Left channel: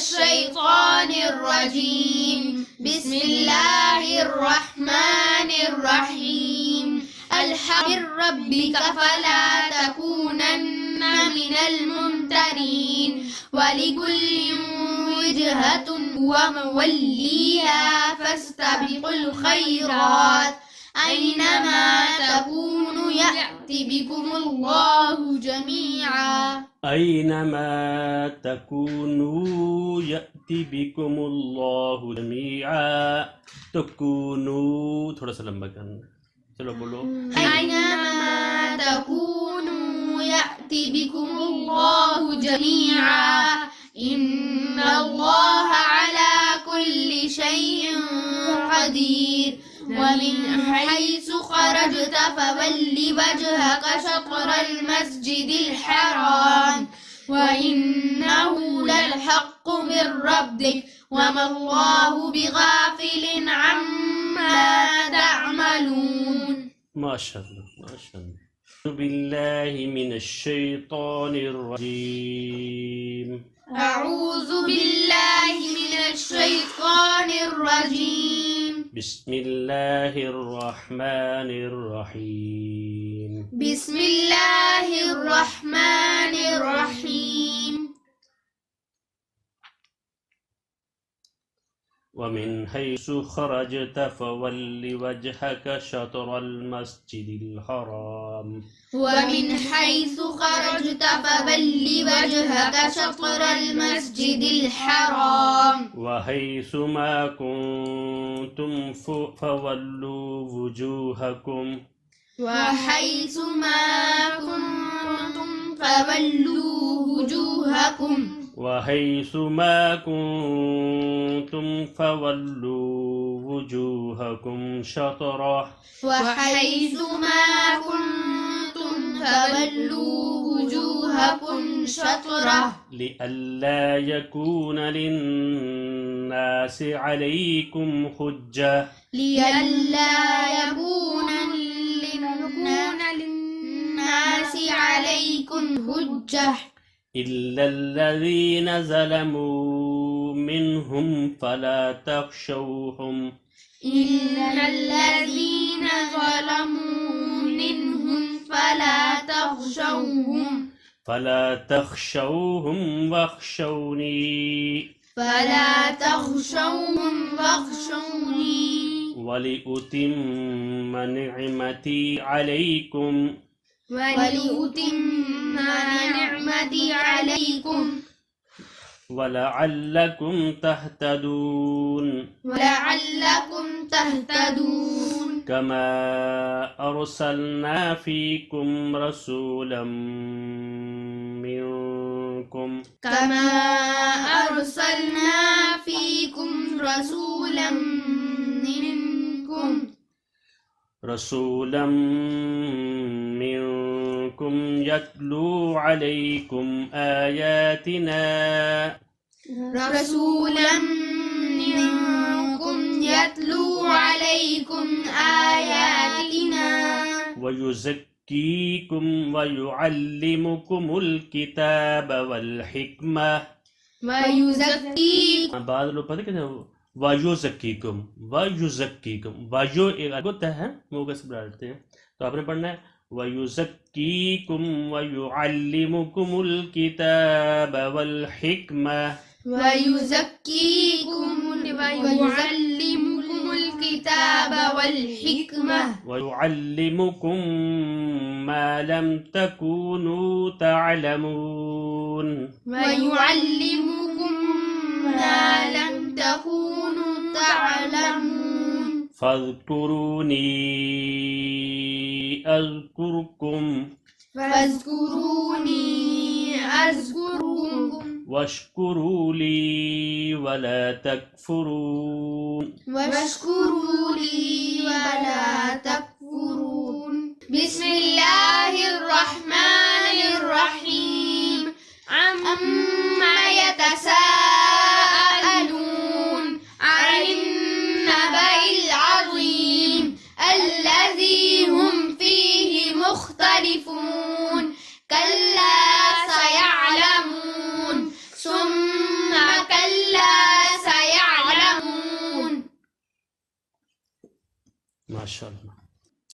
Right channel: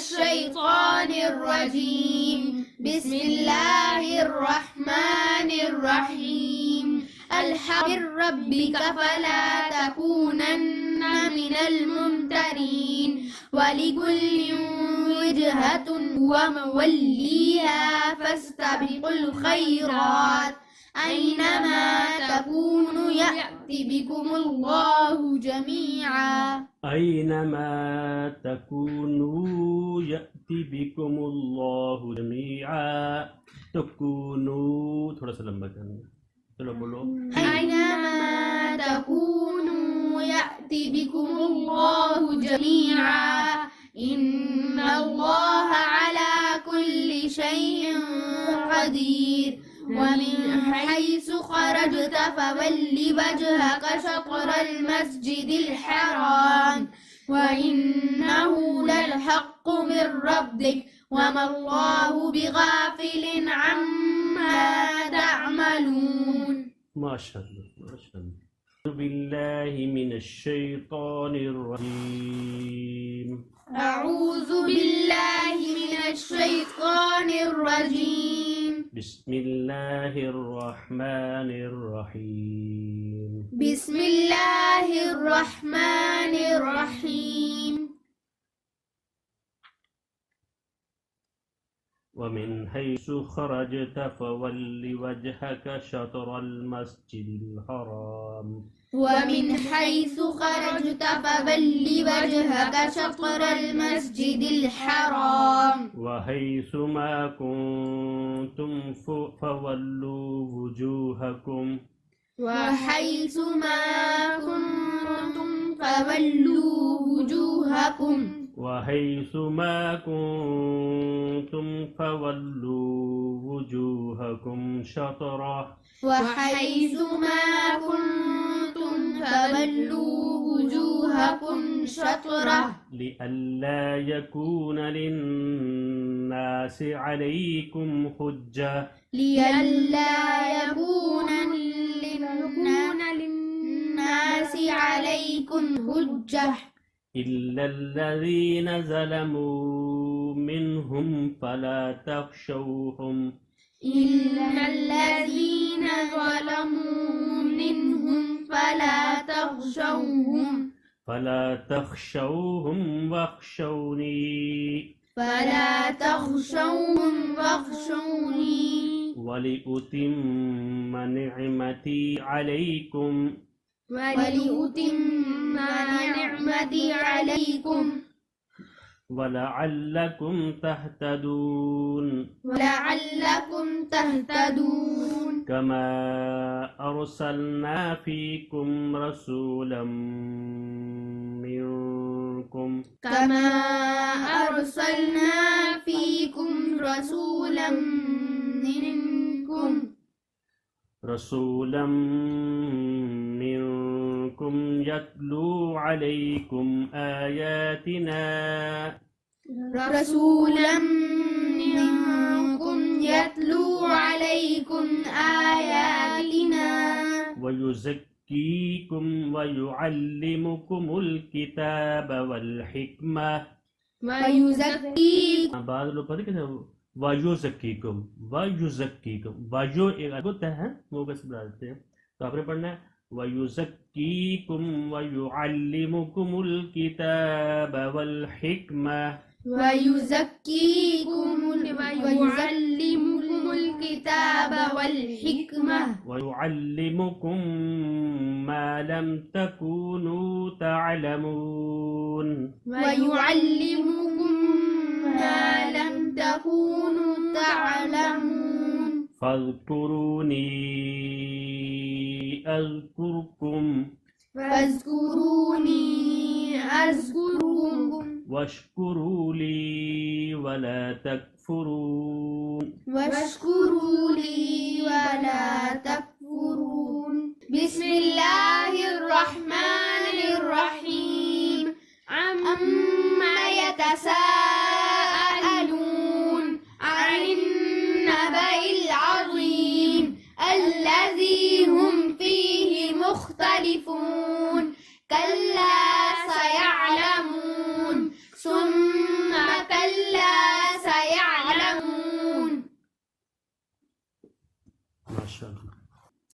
الشيطان الرجيم بسم الله الرحمن الرحيم الحق من ربك فلا تكونن من الممترين ولكل وجهة وموليها فاستبقوا الخيرات أينما تكونوا يأتي بكم الله جميعا أينما تكونوا يأتي بكم الله جميعا تكونوا थोड़ा सा लंबा करना चलो बोलो أينما تكونوا يأتي بكم الله جميعا إن الله على كل شيء قدير ومن حيث خرجت فول وجهك شطر المسجد الحرام وإنه للحق من ربك وما الله بغافل عما تعملون ما شاء الله ما شاء الله أعوذ بالله من الشيطان الرجيم أعوذ بالله من الشيطان الرجيم بسم الله الرحمن الرحيم بسم الله الرحمن الرحيم ومن حيث خرجت فول وجهك شطر المسجد الحرام ومن حيث خرجت فول وجهك شطر المسجد الحرام وحيث ما كنتم فولوا وجوهكم وحيث ما كنتم فولوا وجوهكم وحيث ما كنتم فولوا وجوهكم شطره وحيث ما كنتم فولوا وجوهكم شطره لئلا يكون للناس عليكم حجة لئلا يكون للناس عليكم حجة إلا الذين ظلموا منهم فلا تخشوهم إلا الذين ظلموا منهم فلا تخشوهم واخشوني ولأتم نعمتي عليكم ولعلكم تهتدون كما أرسلنا فيكم رسولا منكم يتلو عليكم آياتنا ويزكيكم ويعلمكم الكتاب والحكمة بعض लोग पता क्या वायुज़क्कीकुम वायु एक अलग होता है मुँह से बुलाते हैं तो आपने पढ़ना है वयुज़क्कीकुम वयुअल्लिमुकुमुल किताब वल हिक्मा ويعلمكم ما لم تكونوا تعلمون فاذكروني أذكركم واشكروا لي ولا تكفرون بسم الله الرحمن الرحيم عما يتساءلون عن النبأ العظيم الذي هم فيه مختلفون كلا سيعلمون ثم كلا माशाअल्लाह।